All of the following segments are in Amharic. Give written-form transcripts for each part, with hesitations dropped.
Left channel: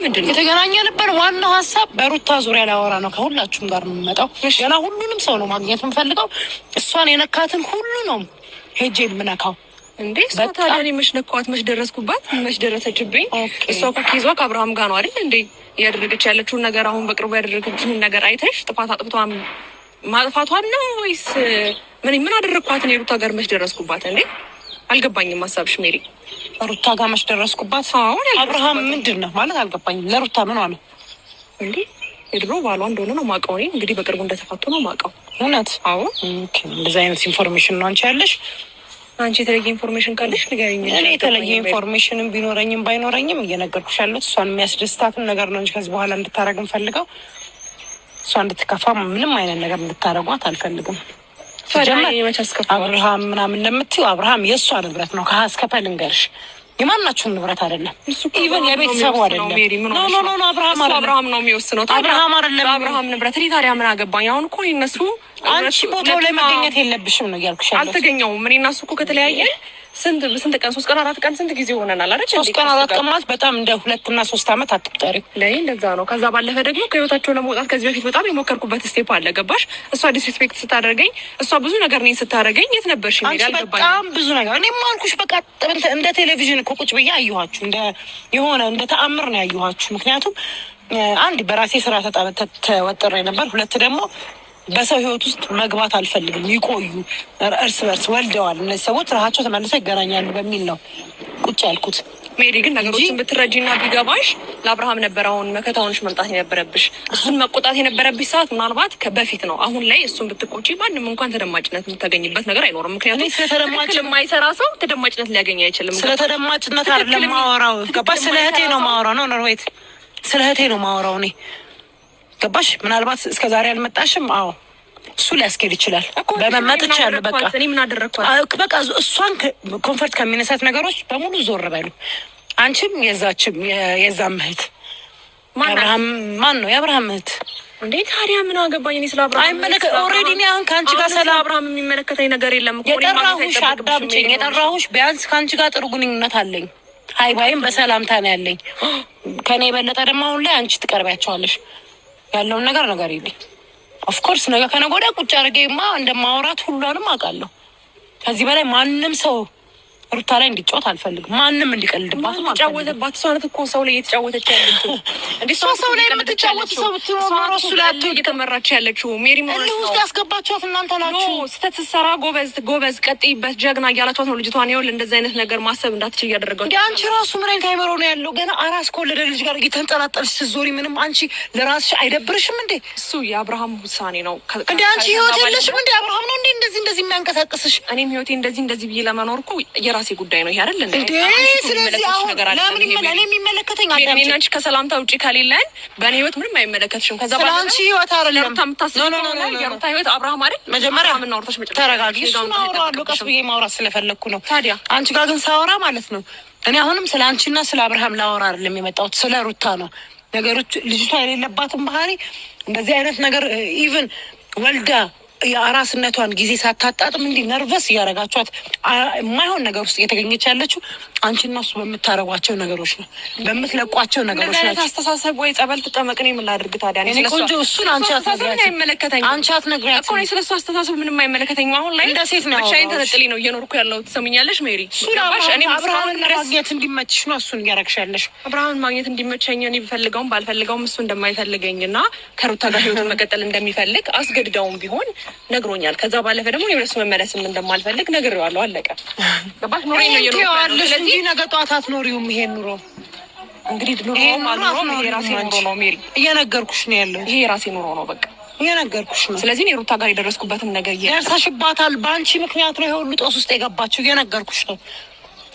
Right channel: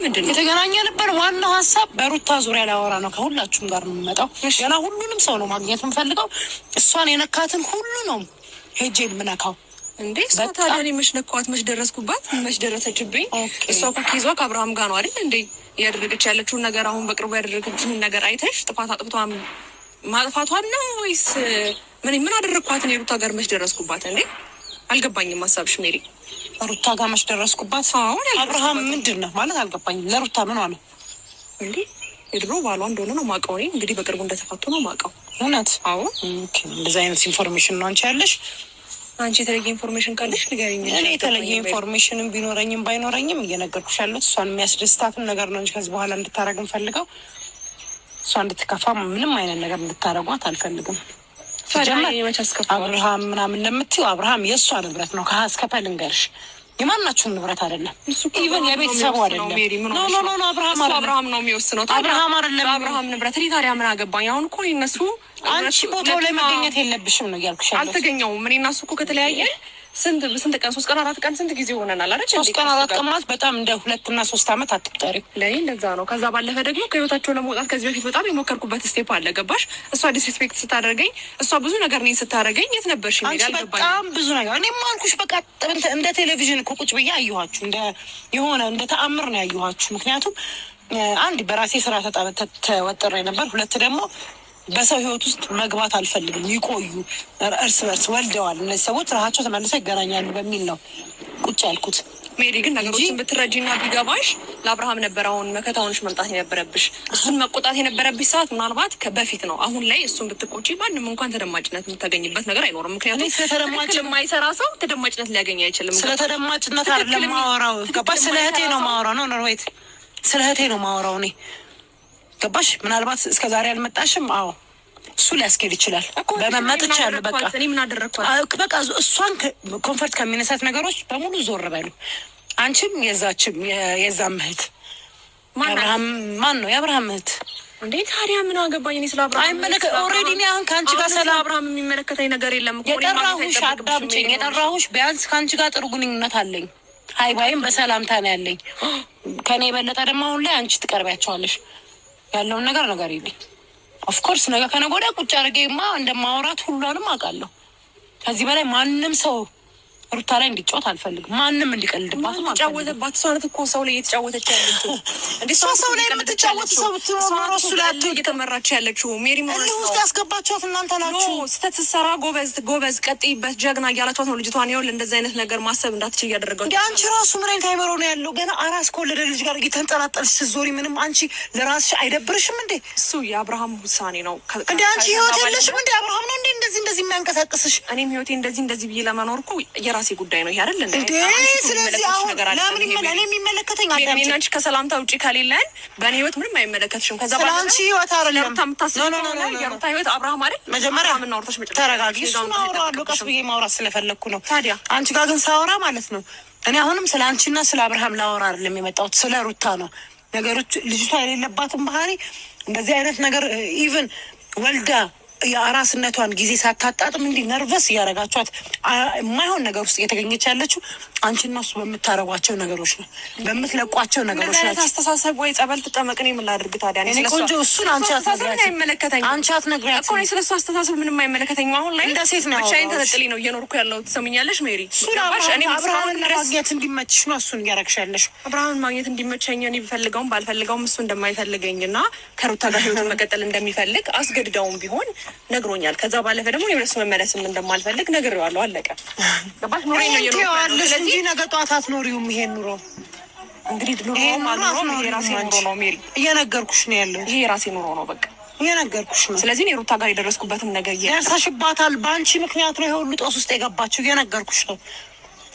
ምንድን ነው የተገናኘንበት ዋናው ሀሳብ በሩታ ዙሪያ ላወራ ነው። ከሁላችሁም ጋር ነው የምመጣው። ገና ሁሉንም ሰው ነው ማግኘት የምፈልገው። እሷን የነካትን ሁሉ ነው ሄጄ የምነካው። እንዴ ታዲያ እኔ መች ነካኋት? መች ደረስኩባት? መች ደረሰችብኝ? እሷ እኮ ኪዟ ከአብርሃም ጋር ነው አይደል እንዴ እያደረገች ያለችውን ነገር። አሁን በቅርቡ ያደረገችውን ነገር አይተሽ ጥፋት አጥፍቷን ማጥፋቷን ነው ወይስ ምን አደረግኳት? እኔ ሩታ ጋር መች ደረስኩባት? እንዴ አልገባኝም ሀሳብሽ ሜሪ። ሩታ ጋር መች ደረስኩባት? አብርሃም ምንድን ነው ማለት አልገባኝም። ለሩታ ምን ነው እንዴ? የድሮ ባሏ እንደሆነ ነው ማውቀው። እኔ እንግዲህ በቅርቡ እንደተፋቱ ነው ማውቀው። እውነት? አዎ። እንደዚህ አይነት ኢንፎርሜሽን ነው አንቺ ያለሽ? አንቺ የተለየ ኢንፎርሜሽን ካለሽ ንገሪኝ። እኔ የተለየ ኢንፎርሜሽንም ቢኖረኝም ባይኖረኝም እየነገርኩሽ ያለሁት እሷን የሚያስደስታትን ነገር ነው እንጂ ከዚህ በኋላ እንድታረግ እንፈልገው እሷ እንድትከፋ ምንም አይነት ነገር እንድታረጓት አልፈልግም። አብርሃም ምናምን ለምትይው አብርሃም የእሷ ንብረት ነው። ከሀስከፈ ልንገርሽ የማናችሁም ንብረት አይደለም። ኢቨን የቤተሰቡ አይደለም። አብርሃም ነው የሚወስነው። አብርሃም አይደለም አብርሃም ንብረት። እኔ ታዲያ ምን አገባኝ? አሁን እኮ እነሱ አንቺ ቦታው ላይ መገኘት የለብሽም ነው እያልኩሽ ያለሁት። አልተገኘውም። እኔ እና እሱ እኮ ከተለያየ ስንት ቀን? 3 ቀን 4 ቀን ስንት ጊዜ ሆነናል አይደል? 3 ቀን 4 ቀን ማለት በጣም እንደ 2 እና 3 ዓመት አትቁጠሪ። ለይ እንደዛ ነው። ከዛ ባለፈ ደግሞ ከህይወታቸው ለመውጣት ከዚህ በፊት በጣም የሞከርኩበት ስቴፕ አለ። ገባሽ? እሷ ዲስሪስፔክት ስታደርገኝ፣ እሷ ብዙ ነገር እኔን ስታደርገኝ የት ነበርሽ? ይላል በጣም ብዙ ነገር። እኔ ማልኩሽ በቃ እንደ ቴሌቪዥን እኮ ቁጭ ብዬ አየኋችሁ። እንደ ተአምር ነው ያየኋችሁ። ምክንያቱም አንድ በራሴ ስራ ተወጥሬ ነበር። ሁለት ደግሞ በሰው ህይወት ውስጥ መግባት አልፈልግም። ይቆዩ እርስ በርስ ወልደዋል እነዚህ ሰዎች ራሳቸው ተመልሰው ይገናኛሉ በሚል ነው ቁጭ ያልኩት። ሜሪ ግን ነገሮችን ብትረጂና ቢገባሽ ለአብርሃም ነበር አሁን መከታውንሽ መምጣት የነበረብሽ። እሱን መቆጣት የነበረብሽ ሰዓት ምናልባት ከበፊት ነው። አሁን ላይ እሱን ብትቆጪ ማንም እንኳን ተደማጭነት የምታገኝበት ነገር አይኖርም። ምክንያቱም ስለተደማጭ የማይሰራ ሰው ተደማጭነት ሊያገኝ አይችልም። ስለተደማጭነት አይደለም ማወራው። ገባሽ? ስለ እህቴ ነው ማወራው። ነው ኖርዌት ስለ እህቴ ነው ማወራው እኔ። ገባሽ? ምናልባት እስከዛሬ አልመጣሽም። አዎ እሱ ሊያስኬድ ይችላል። በመመጥቻ ያለው በቃ እኔ ምን አደረግኳት? በቃ እሷን ኮንፈርት ከሚነሳት ነገሮች በሙሉ ዞር በሉ። አንቺም የዛም እህት ማን ነው? የአብርሃም እህት እንዴ ታዲያ ምን አገባኝ? እኔ ስለ አብርሃም አይመለከት ኦልሬዲ እኔ አሁን ከአንቺ ጋር ስለ አብርሃም የሚመለከተኝ ነገር የለም። የጠራሁሽ አዳምጪኝ። የጠራሁሽ ቢያንስ ከአንቺ ጋር ጥሩ ግንኙነት አለኝ። ሀይባይም በሰላምታ ነው ያለኝ። ከኔ የበለጠ ደግሞ አሁን ላይ አንቺ ትቀርቢያቸዋለሽ። ያለውን ነገር ይልኝ ኦፍኮርስ ነገ ከነገ ወዲያ ቁጭ አድርጌማ እንደማወራት ሁሉንም አውቃለሁ። ከዚህ በላይ ማንም ሰው ሩታ ላይ እንዲጫወት አልፈልግም። ማንም እንዲቀልድባት ጫወተባት። ሰው እኮ ሰው ላይ እየተጫወተች ያለችው እንዴ? ሰው ላይ የምትጫወት ሰው ብትኖር እሱ ላይ እየተመራች ያለችው ሜሪ ማለት ነው። ውስጥ ያስገባችኋት እናንተ ናችሁ። ስህተት ስትሰራ ጎበዝ ቀጥይበት ጀግና እያላችኋት ነው ልጅቷን። ይኸውልህ እንደዚህ አይነት ነገር ማሰብ እንዳትችል እያደረገው እንዴ። አንቺ ራሱ ምን አይነት አይመሮ ነው ያለው? ገና አራስ ከወለደ ልጅ ጋር እየተንጠላጠልሽ ስትዞሪ ምንም አንቺ ለራስሽ አይደብርሽም እንዴ? እሱ የአብርሃም ውሳኔ ነው እንዴ? አንቺ ህይወት የለሽም እንዴ? አብርሃም ነው እንዴ እንደዚህ የሚያንቀሳቅስሽ? እኔም ህይወቴ እንደዚህ ብዬ ለመኖር እኮ የራሴ ጉዳይ ነው። ይሄ አይደል እንዴ? ስለዚህ አሁን ለምን እኔ የሚመለከተኝ አዳም እኔ አንቺ ከሰላምታ ውጪ ከሌለን በእኔ ህይወት ምንም አይመለከትሽም። ከዛ በኋላ አንቺ ህይወት አይደለም የሩታ ህይወት አብርሃም አይደል? መጀመሪያ ምን አውርተሽ ተረጋጊ። እሱን አወራለሁ ቀስ ብዬ ማውራት ስለፈለግኩ ነው። ታዲያ አንቺ ጋር ግን ሳወራ ማለት ነው እኔ አሁንም ስለ አንቺና ስለ አብርሃም ላወራ አይደለም የመጣሁት፣ ስለ ሩታ ነው። ነገሮች ልጅቷ የሌለባትን ባህሪ እንደዚህ አይነት ነገር ኢቭን ወልዳ የአራስነቷን ጊዜ ሳታጣጥም እንዲህ ነርቨስ እያደረጋችኋት የማይሆን ነገር ውስጥ እየተገኘች ያለችው አንቺና እሱ በምታረጓቸው ነገሮች ነው፣ በምትለቋቸው ነገሮች ናቸው። አስተሳሰብ ወይ ጸበል ትጠመቅ። እኔ ምን ላድርግ ታዲያ? እኔ ቆንጆ እሱን አንቺ አይመለከተኝም። አንቺ አትነግሪያትም እኮ ስለሱ አስተሳሰብ ምንም አይመለከተኝም። አሁን ላይ እንደ ሴት ነው ብቻዬን ተነጥሌ ነው እየኖርኩ ያለው። ትሰሚኛለሽ ሜሪ? እኔ አብርሃምን ማግኘት እንዲመችሽ ነው እሱን እያረግሽ ያለሽ። አብርሃምን ማግኘት እንዲመቸኝ እኔ ብፈልገውም ባልፈልገውም እሱ እንደማይፈልገኝና ከሩታ ጋር ህይወቱን መቀጠል እንደሚፈልግ አስገድዳውም ቢሆን ነግሮኛል። ከዛ ባለፈ ደግሞ የእሱ መመለስም እንደማልፈልግ ነግሬዋለሁ። አለቀ። ገባሽ? ኖሬ ነው የኖርኩት። ስለዚህ ነገ ጧት አትኖሪውም ይሄን ኑሮ። እንግዲህ ኑሮም አልኖረም ይሄ ራሴ ኑሮ ነው ሜሪ። እየነገርኩሽ ነው ያለው። ይሄ ራሴ ኑሮ ነው በቃ እየነገርኩሽ ነው። ስለዚህ እኔ ሩታ ጋር የደረስኩበትን ነገር ደርሰሽባታል። በአንቺ ምክንያት ነው ይሄ ሁሉ ጦስ ውስጥ የገባችው። እየነገርኩሽ ነው።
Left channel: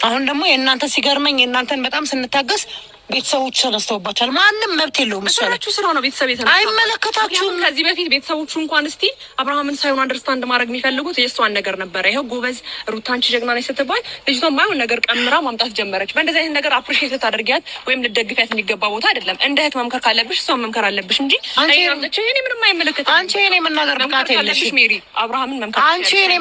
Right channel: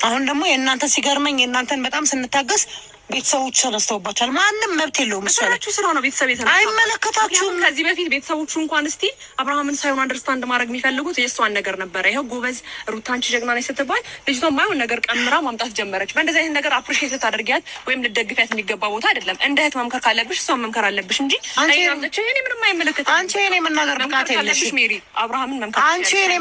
አሁን ደግሞ የእናንተ ሲገርመኝ የእናንተን በጣም ስንታገስ ቤተሰቦቹ ተነስተውባቸዋል። ማንም መብት የለውም። እሷላችሁ ስራ ነው ቤተሰብ የተነሳ አይመለከታችሁም። ከዚህ በፊት ቤተሰቦቹ እንኳን እስቲ አብርሃምን ሳይሆን አንደርስታንድ ማድረግ የሚፈልጉት የእሷን ነገር ነበረ። ይኸው ጎበዝ ሩታ አንቺ ጀግና ነች ስትባል ልጅቷ ማይሆን ነገር ቀምራ ማምጣት ጀመረች። በእንደዚህ አይነት ነገር አፕሪሼት ልታደርጊያት ወይም ልትደግፊያት የሚገባ ቦታ አይደለም። እንደ እህት መምከር ካለብሽ እሷን መምከር አለብሽ እንጂ እኔ ምንም አይመለከትም። አንቺ እኔ መናገር ብቃት የለሽም ሜሪ። አብርሃምን መምከር አንቺ እኔ